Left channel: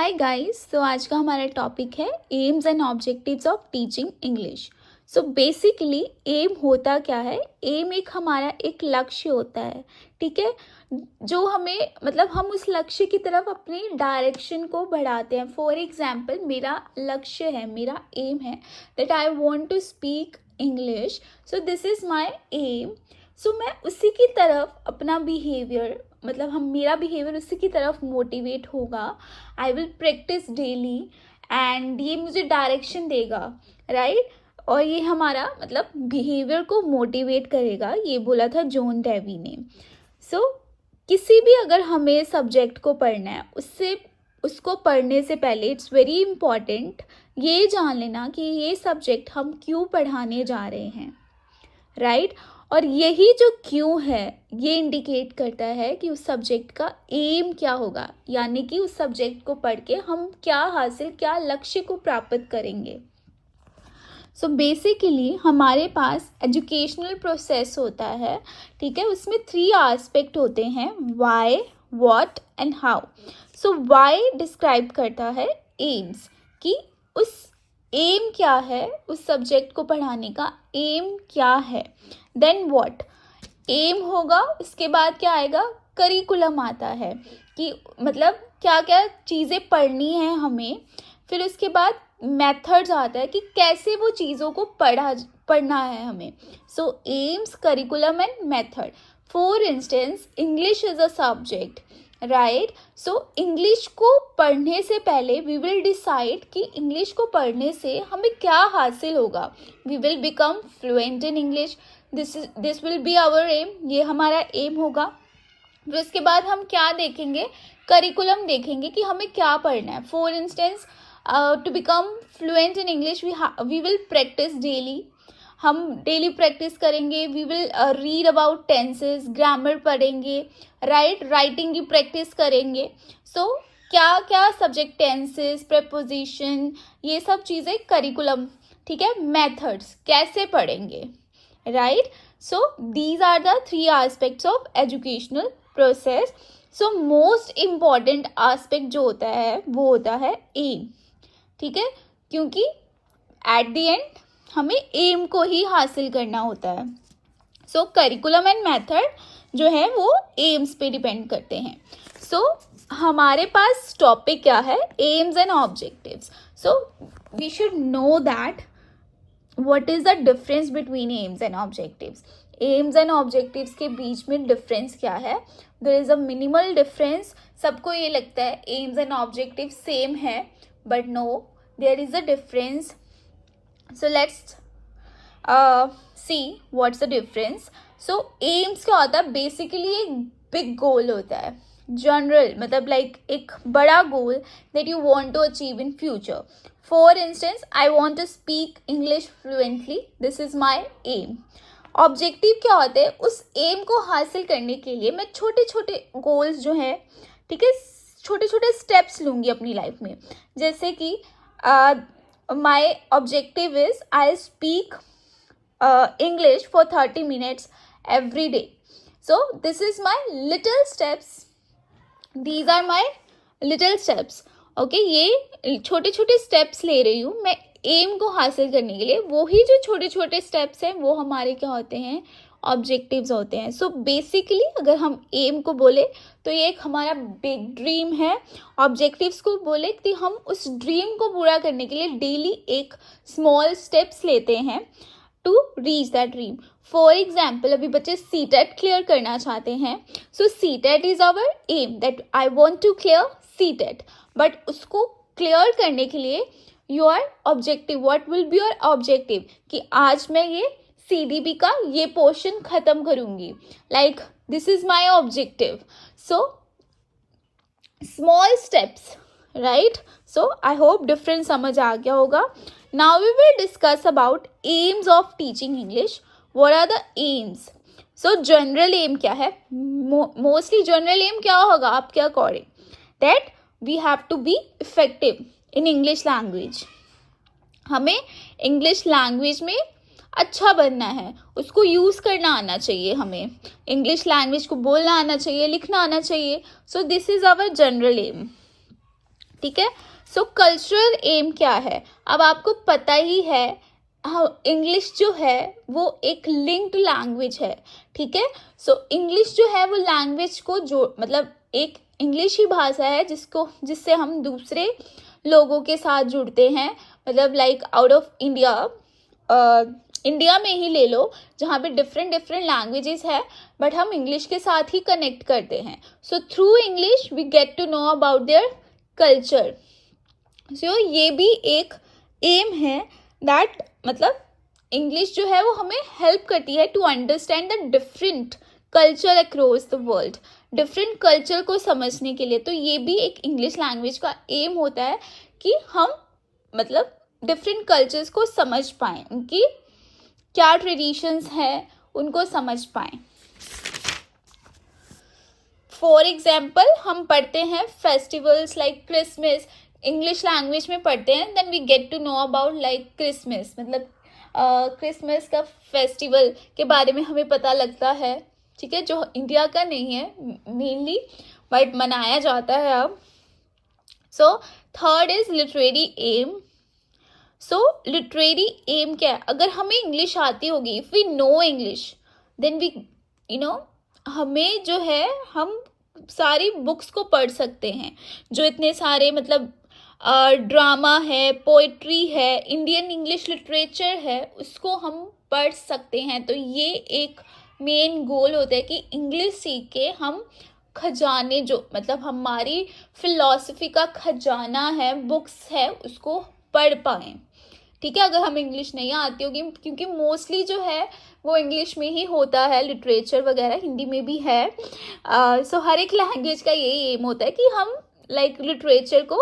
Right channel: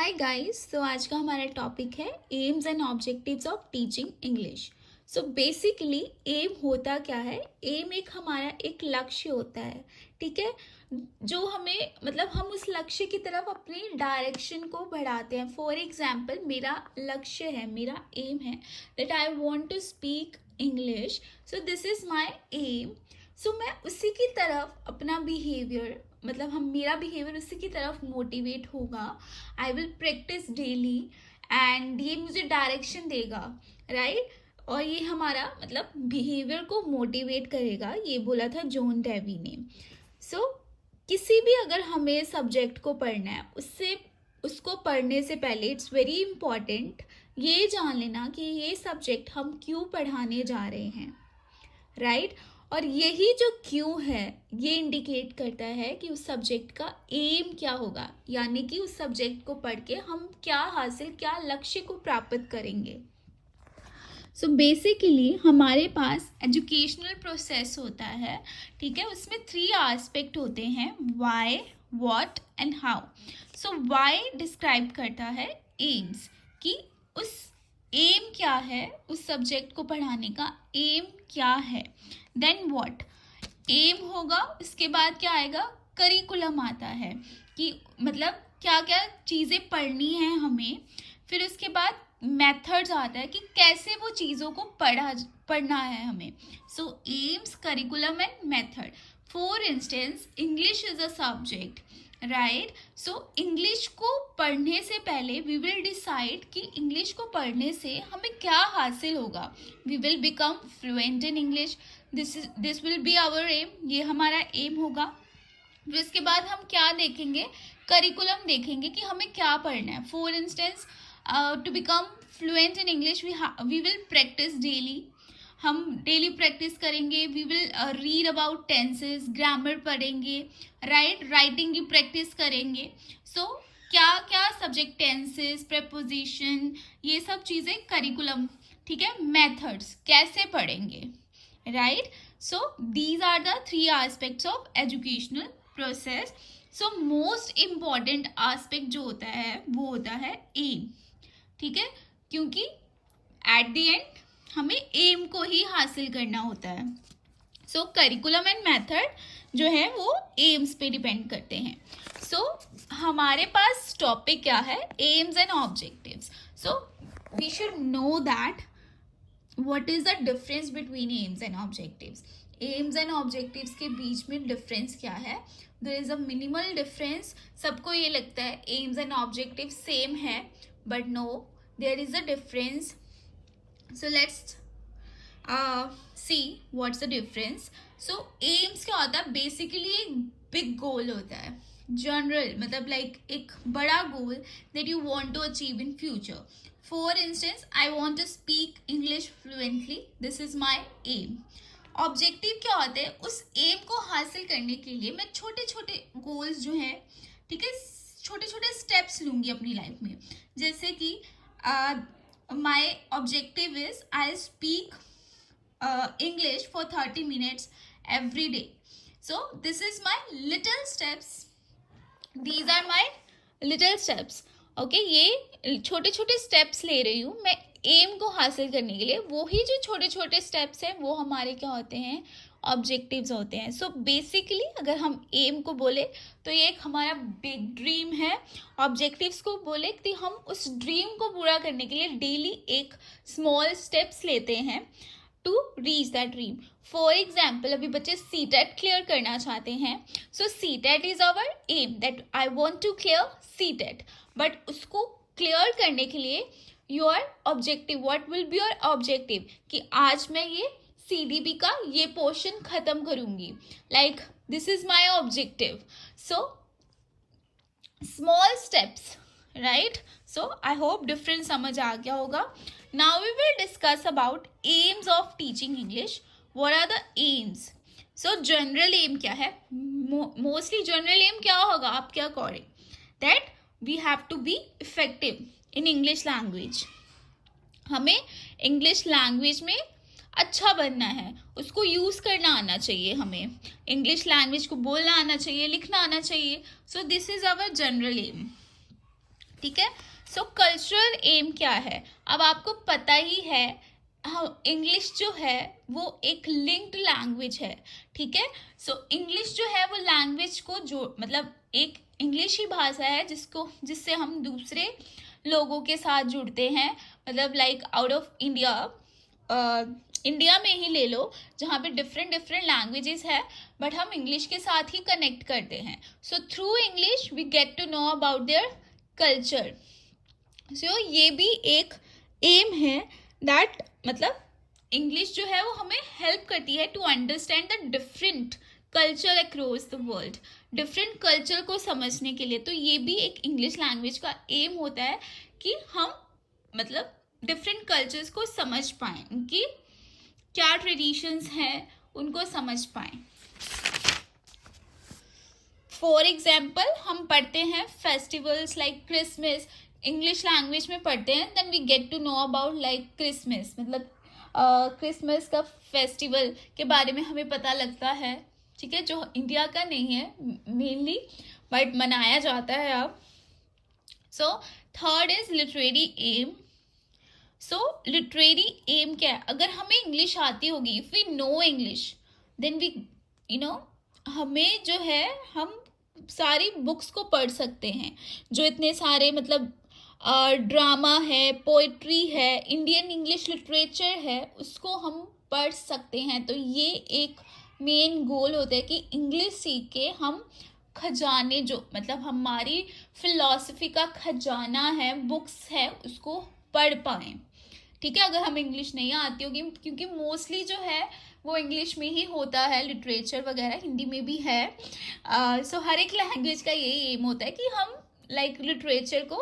Hi guys. तो आज का हमारा टॉपिक है aims and objectives of teaching English. So basically aim होता क्या है? एम एक हमारा एक लक्ष्य होता है, ठीक है, जो हमें मतलब हम उस लक्ष्य की तरफ अपनी डायरेक्शन को बढ़ाते हैं। फॉर एग्जांपल मेरा लक्ष्य है, मेरा एम है that I want to speak English, so this is my aim. So मैं उसी की तरफ अपना बिहेवियर मतलब हम मेरा बिहेवियर उसी की तरफ मोटिवेट होगा। I will practise daily and ये मुझे डायरेक्शन देगा, राइट। और ये हमारा मतलब बिहेवियर को मोटिवेट करेगा, ये बोला था जॉन डेवी ने। सो किसी भी अगर हमें सब्जेक्ट को पढ़ना है उसको पढ़ने से पहले इट्स वेरी इम्पॉर्टेंट ये जान लेना कि ये सब्जेक्ट हम क्यों पढ़ाने जा रहे हैं, राइट। और यही जो क्यों है ये इंडिकेट करता है कि उस सब्जेक्ट का एम क्या होगा, यानी कि उस सब्जेक्ट को पढ़ के हम क्या लक्ष्य को प्राप्त करेंगे। सो बेसिकली हमारे पास एजुकेशनल प्रोसेस होता है, ठीक है, उसमें 3 एस्पेक्ट होते हैं, why, what and how. So why describe करता है एम्स, कि उस एम क्या है, उस सब्जेक्ट को पढ़ाने का एम क्या है। देन व्हाट, एम होगा, उसके बाद क्या आएगा, करिकुलम आता है कि मतलब क्या क्या चीज़ें पढ़नी है हमें। फिर उसके बाद मेथड्स आता है कि कैसे वो चीज़ों को पढ़ना है हमें। So aims, curriculum and method. For instance English is a subject, right. So English को पढ़ने से पहले वी विल डिसाइड कि इंग्लिश को पढ़ने से हमें क्या हासिल होगा। We will become fluent in English, this will be our aim, ये हमारा एम होगा। फिर इसके बाद हम क्या देखेंगे, करिकुलम देखेंगे कि हमें क्या पढ़ना है। For instance to become fluent in English we will practise daily, हम डेली प्रैक्टिस करेंगे। We will read about tenses, grammar पढ़ेंगे, राइट, राइटिंग की प्रैक्टिस करेंगे। सो क्या क्या सब्जेक्ट, टेंसेस, प्रेपोजिशन, ये सब चीज़ें करिकुलम, ठीक है। मेथड्स कैसे पढ़ेंगे, right. So these are the 3 aspects of educational process. So most important aspect जो होता है वो होता है एम, ठीक है, क्योंकि एट द एंड हमें एम को ही हासिल करना होता है। सो करिकुलम एंड मेथड जो है वो एम्स पे डिपेंड करते हैं। सो हमारे पास टॉपिक क्या है, aims and objectives. So we should know that what is the difference between aims and objectives. Aims and objectives के बीच में डिफरेंस क्या है? There is a minimal difference. सबको ये लगता है एम्स एंड ऑब्जेक्टिव सेम है, but no, there is a difference. So let's see what's the difference. So aims क्या होता है, बेसिकली एक बिग गोल होता है, जनरल मतलब लाइक एक बड़ा goal that you want to achieve in future. For instance I want to speak English fluently, this is my aim. Objective क्या होते हैं, उस एम को हासिल करने के लिए मैं छोटे छोटे गोल्स जो है, ठीक है, छोटे छोटे स्टेप्स लूँगी अपनी लाइफ में। जैसे कि my objective is I speak English for 30 minutes every day. So this is my little steps. These are my little steps. Okay, ये छोटे छोटे steps ले रही हूँ मैं एम को हासिल करने के लिए। वो ही जो छोटे छोटे steps हैं वो हमारे क्या होते हैं, ऑब्जेक्टिव्स होते हैं। सो बेसिकली अगर हम एम को बोले तो ये एक हमारा बिग ड्रीम है। ऑब्जेक्टिव्स को बोले कि हम उस ड्रीम को पूरा करने के लिए डेली एक स्मॉल स्टेप्स लेते हैं to reach that dream. For example अभी बच्चे सीटेट क्लियर करना चाहते हैं, so CTET is our aim that I want to clear CTET. But उसको क्लियर करने के लिए your objective, what will be your objective, कि आज मैं ये CDB का ये पोर्शन खत्म करूंगी, like this is my objective. So small steps, right. So I hope difference समझ आ गया होगा। Now we will discuss about aims of teaching English. What are the aims? So general aim क्या है, मोस्टली जनरल एम क्या होगा आपके according, that we have to be effective in English language. हमें इंग्लिश लैंग्वेज में अच्छा बनना है, उसको यूज़ करना आना चाहिए, हमें इंग्लिश लैंग्वेज को बोलना आना चाहिए, लिखना आना चाहिए। So this is our general aim. ठीक है। सो कल्चरल एम क्या है, अब आपको पता ही है, इंग्लिश जो है वो एक लिंक्ड लैंग्वेज है, ठीक है। सो इंग्लिश जो है वो लैंग्वेज को जो मतलब एक इंग्लिश ही भाषा है जिससे हम दूसरे लोगों के साथ जुड़ते हैं, मतलब like out of India, India में ही ले लो जहाँ पे डिफरेंट डिफरेंट लैंग्वेजेस है, बट हम इंग्लिश के साथ ही कनेक्ट करते हैं। So through English we get to know about their culture. So ये भी एक एम है दैट मतलब इंग्लिश जो है वो हमें हेल्प करती है to understand the different culture across the world, different culture को समझने के लिए। तो ये भी एक इंग्लिश लैंग्वेज का एम होता है कि हम मतलब डिफरेंट कल्चर्स को समझ पाएं, उनकी क्या ट्रेडिशंस हैं उनको समझ पाएं। फॉर एग्जाम्पल हम पढ़ते हैं festivals like Christmas, English language में पढ़ते हैं, then we get to know about like Christmas, मतलब क्रिसमस का फेस्टिवल के बारे में हमें पता लगता है, ठीक है, जो इंडिया का नहीं है मेनली बट मनाया जाता है अब। So third is literary aim. So literary aim क्या है, अगर हमें इंग्लिश आती होगी, if we know English then we हमें जो है हम सारी बुक्स को पढ़ सकते हैं, जो इतने सारे मतलब ड्रामा है, पोइट्री है, इंडियन इंग्लिश लिटरेचर है, उसको हम पढ़ सकते हैं। तो ये एक मेन गोल होता है कि इंग्लिश सीख के हम खजाने जो मतलब हमारी फिलॉसफी का खजाना है, बुक्स है, उसको पढ़ पाएँ, ठीक है। अगर हमें इंग्लिश नहीं आती होगी, क्योंकि मोस्टली जो है वो इंग्लिश में ही होता है, लिटरेचर वगैरह हिंदी में भी है। सो हर एक लैंग्वेज का यही एम होता है कि हम लाइक लिटरेचर को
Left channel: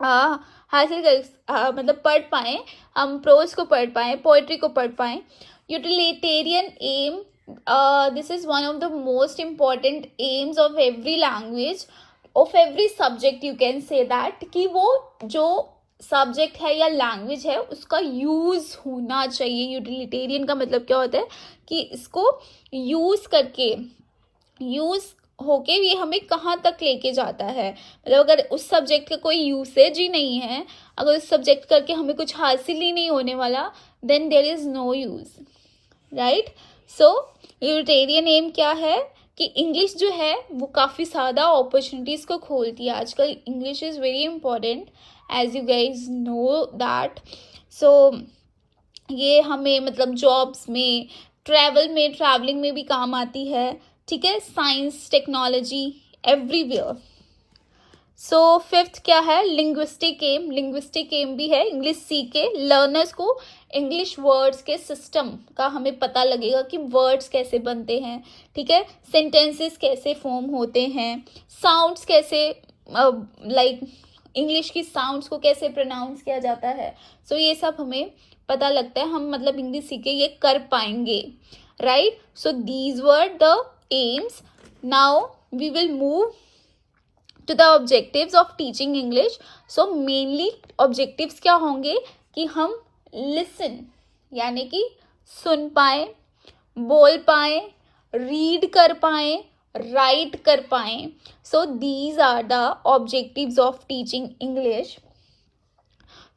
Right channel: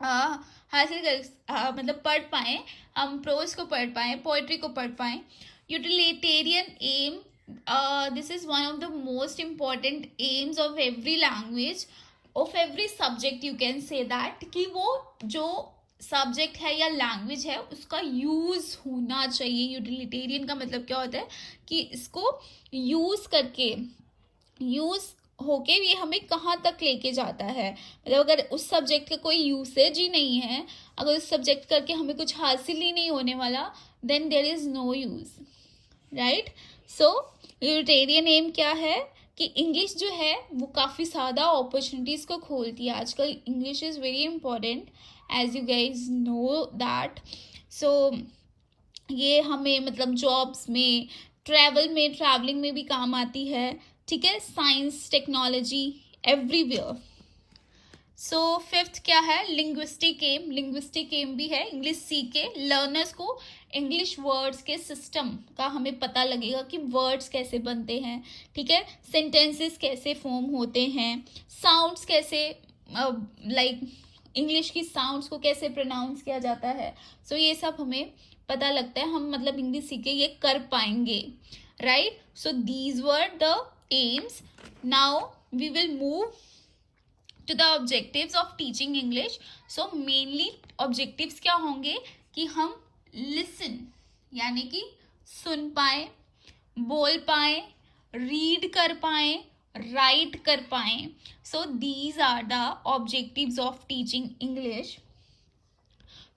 हासिल कर मतलब पढ़ पाएँ, हम प्रोज को पढ़ पाएँ, पोइट्री को पढ़ पाएँ। Utilitarian aim, this is one of the most important aims of every language, of every subject, you can say that, कि वो जो सब्जेक्ट है या लैंग्वेज है उसका यूज़ होना चाहिए। यूटिलिटेरियन का मतलब क्या होता है कि इसको यूज़ करके, यूज़ होके ये हमें कहाँ तक लेके जाता है, मतलब अगर उस सब्जेक्ट का कोई यूसेज ही नहीं है, अगर उस सब्जेक्ट करके हमें कुछ हासिल ही नहीं होने वाला, then there is no use, right. So utilitarian aim क्या है कि इंग्लिश जो है वो काफ़ी ज़्यादा अपॉर्चुनिटीज़ को खोलती है। आजकल English is very important as you guys know that. So ये हमें मतलब जॉब्स में, ट्रैवलिंग में भी काम आती है, ठीक है, science technology everywhere. So fifth क्या है, लिंग्विस्टिक एम। लिंग्विस्टिक एम भी है, इंग्लिश सीख के लर्नर्स को इंग्लिश वर्ड्स के सिस्टम का हमें पता लगेगा कि वर्ड्स कैसे बनते हैं, ठीक है, सेंटेंसेस कैसे फॉर्म होते हैं, साउंड्स कैसे लाइक इंग्लिश की साउंड्स को कैसे प्रोनाउंस किया जाता है। सो ये सब हमें पता लगता है, हम मतलब इंग्लिश सीख के ये कर पाएंगे, right. So these were the aims. Now we will move to the objectives of teaching English. So mainly objectives क्या होंगे कि हम लिसन यानी कि सुन पाए, बोल पाए, रीड कर पाए, राइट कर पाए। So these are the objectives of teaching English.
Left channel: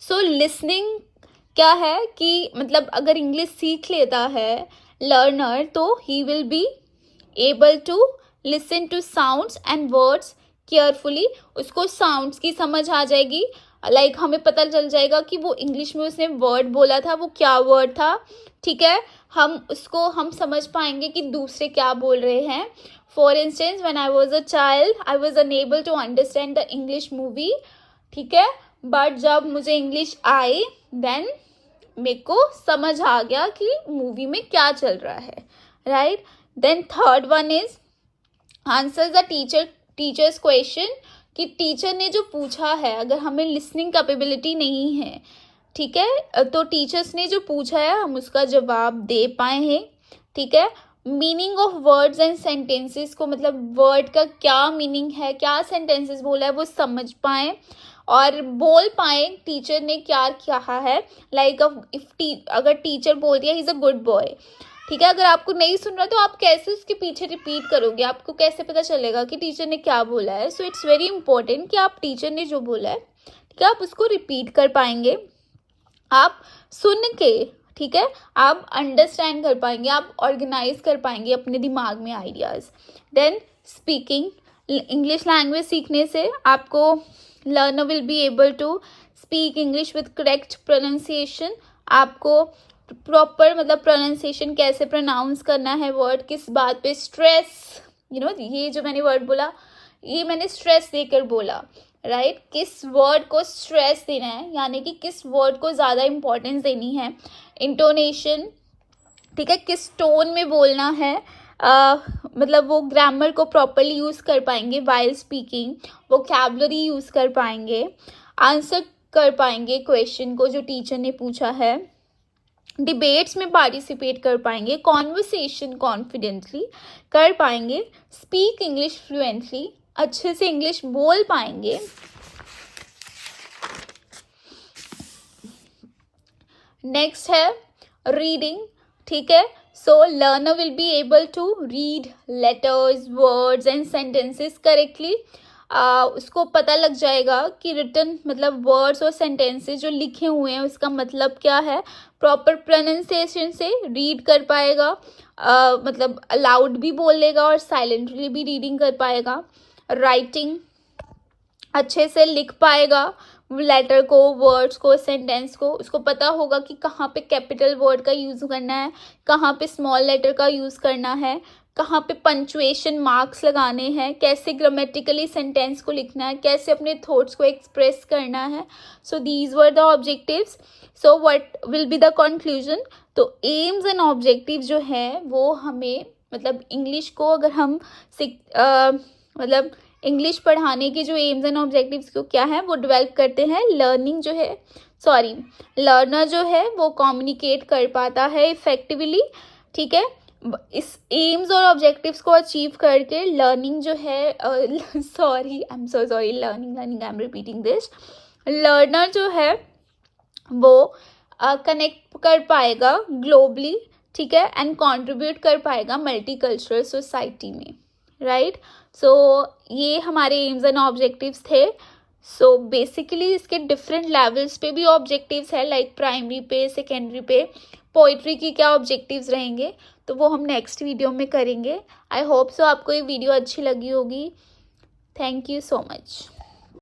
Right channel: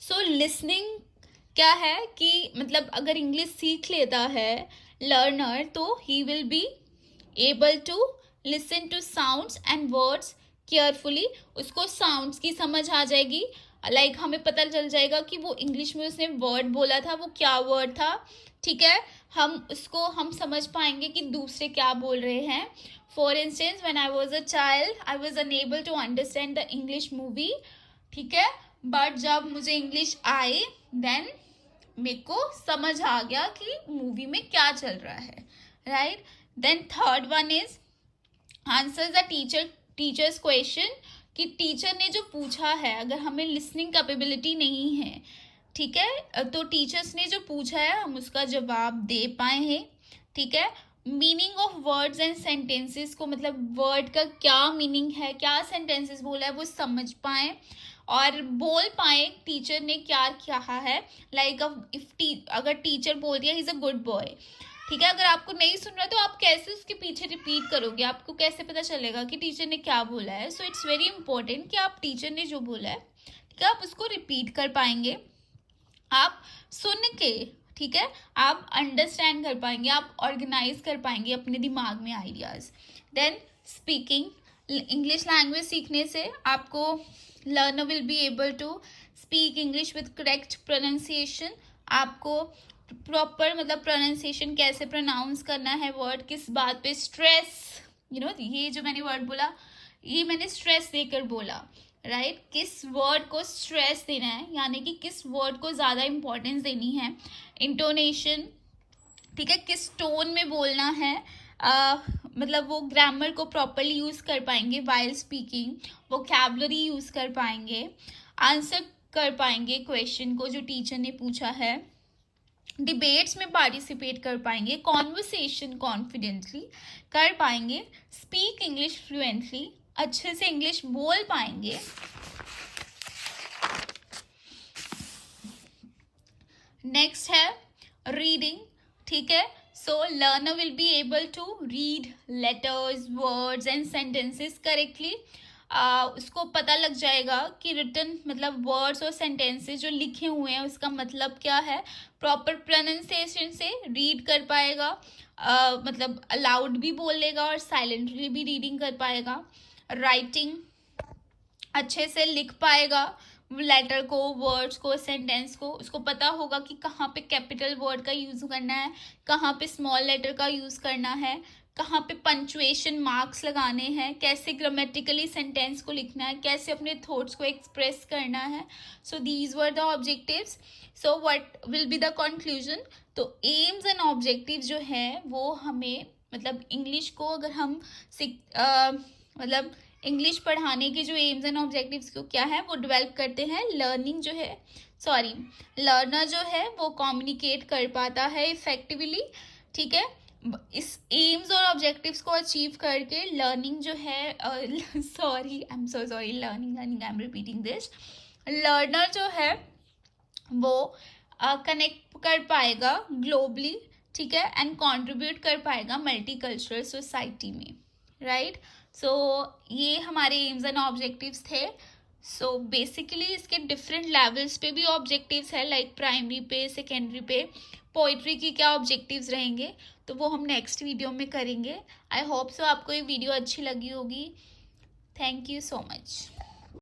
So listening क्या है कि मतलब अगर इंग्लिश सीख लेता है लर्नर तो he will be able to listen to sounds and words carefully, उसको साउंड्स की समझ आ जाएगी, लाइक हमें पता चल जाएगा कि वो इंग्लिश में उसने वर्ड बोला था वो क्या वर्ड था, ठीक है, हम समझ पाएंगे कि दूसरे क्या बोल रहे हैं। For instance when I was a child I was unable to understand the English movie, ठीक है, बट जब मुझे इंग्लिश आई देन मेरे को समझ आ गया कि मूवी में क्या चल रहा है, right. Then third one is answer the teacher's question, कि टीचर ने जो पूछा है, अगर हमें लिसनिंग कैपेबिलिटी नहीं है, ठीक है, तो टीचर्स ने जो पूछा है हम उसका जवाब दे पाए हैं, ठीक है। Meaning of words and sentences को, मतलब वर्ड का क्या मीनिंग है, क्या सेंटेंसेस बोला है वो समझ पाए और बोल पाए टीचर ने क्या कहा है, लाइक इफ अगर टीचर बोल दिया he is a good boy, ठीक है। अगर आपको नहीं सुन रहा तो आप कैसे उसके पीछे रिपीट करोगे, आपको कैसे पता चलेगा कि टीचर ने क्या बोला है। सो इट्स वेरी इंपॉर्टेंट कि आप टीचर ने जो बोला है, ठीक है, आप उसको रिपीट कर पाएंगे, आप सुन के, ठीक है, आप अंडरस्टैंड कर पाएंगे, आप ऑर्गेनाइज कर पाएंगे अपने दिमाग में ideas. Then speaking, English language सीखने से आपको learner will be able to speak English with correct pronunciation. आपको प्रॉपर मतलब प्रोनाउंसिएशन, कैसे प्रोनाउंस करना है वर्ड, किस बात पे स्ट्रेस, ये जो मैंने वर्ड बोला, ये मैंने स्ट्रेस देकर बोला, राइट, किस वर्ड को स्ट्रेस देना है, यानी कि किस वर्ड को ज़्यादा इंपॉर्टेंस देनी है, इंटोनेशन, ठीक है, किस टोन में बोलना है, मतलब वो ग्रामर को प्रॉपरली यूज़ कर पाएंगे वाइल स्पीकिंग, वोकैबुलरी यूज़ कर पाएंगे, आंसर कर पाएंगे क्वेश्चन को जो टीचर ने पूछा है, डिबेट्स में पार्टिसिपेट कर पाएंगे, कॉन्वर्सेशन कॉन्फिडेंटली कर पाएंगे, स्पीक इंग्लिश फ्लुएंटली, अच्छे से इंग्लिश बोल पाएंगे। नेक्स्ट है रीडिंग, ठीक है। So learner will be able to read letters, words and sentences correctly. उसको पता लग जाएगा कि रिटन मतलब वर्ड्स और सेंटेंसेस जो लिखे हुए हैं उसका मतलब क्या है, प्रॉपर प्रोनाउंसिएशन से रीड कर पाएगा, मतलब अलाउड भी बोल लेगा और साइलेंटली भी रीडिंग कर पाएगा। राइटिंग, अच्छे से लिख पाएगा लेटर को, वर्ड्स को, सेंटेंस को, उसको पता होगा कि कहाँ पे कैपिटल वर्ड का यूज़ करना है, कहाँ पे स्मॉल लेटर का यूज़ करना है, कहाँ पे पंचुएशन मार्क्स लगाने हैं, कैसे ग्रामेटिकली सेंटेंस को लिखना है, कैसे अपने थॉट्स को एक्सप्रेस करना है। सो these were the objectives. So what will be the conclusion. तो एम्स एंड ऑब्जेक्टिव जो है वो हमें मतलब इंग्लिश को अगर हम मतलब इंग्लिश पढ़ाने के जो एम्स एंड ऑब्जेक्टिव्स को क्या है वो डेवलप करते हैं। लर्निंग जो है लर्नर जो है वो कम्युनिकेट कर पाता है इफेक्टिवली, ठीक है। इस एम्स और ऑब्जेक्टिव्स को अचीव करके लर्निंग जो है I am so sorry, learning I am repeating this, learner जो है वो कनेक्ट कर पाएगा ग्लोबली, ठीक है, एंड कंट्रीब्यूट कर पाएगा मल्टीकल्चरल सोसाइटी में, राइट। सो ये हमारे एम्स एंड ऑब्जेक्टिव्स थे। सो बेसिकली इसके डिफरेंट लेवल्स पे भी ऑब्जेक्टिव्स है, लाइक प्राइमरी पे, सेकेंडरी पे, पोइट्री की क्या ऑब्जेक्टिव्स रहेंगे तो वो हम नेक्स्ट वीडियो में करेंगे। आई होप सो आपको ये वीडियो अच्छी लगी होगी। Thank you so much.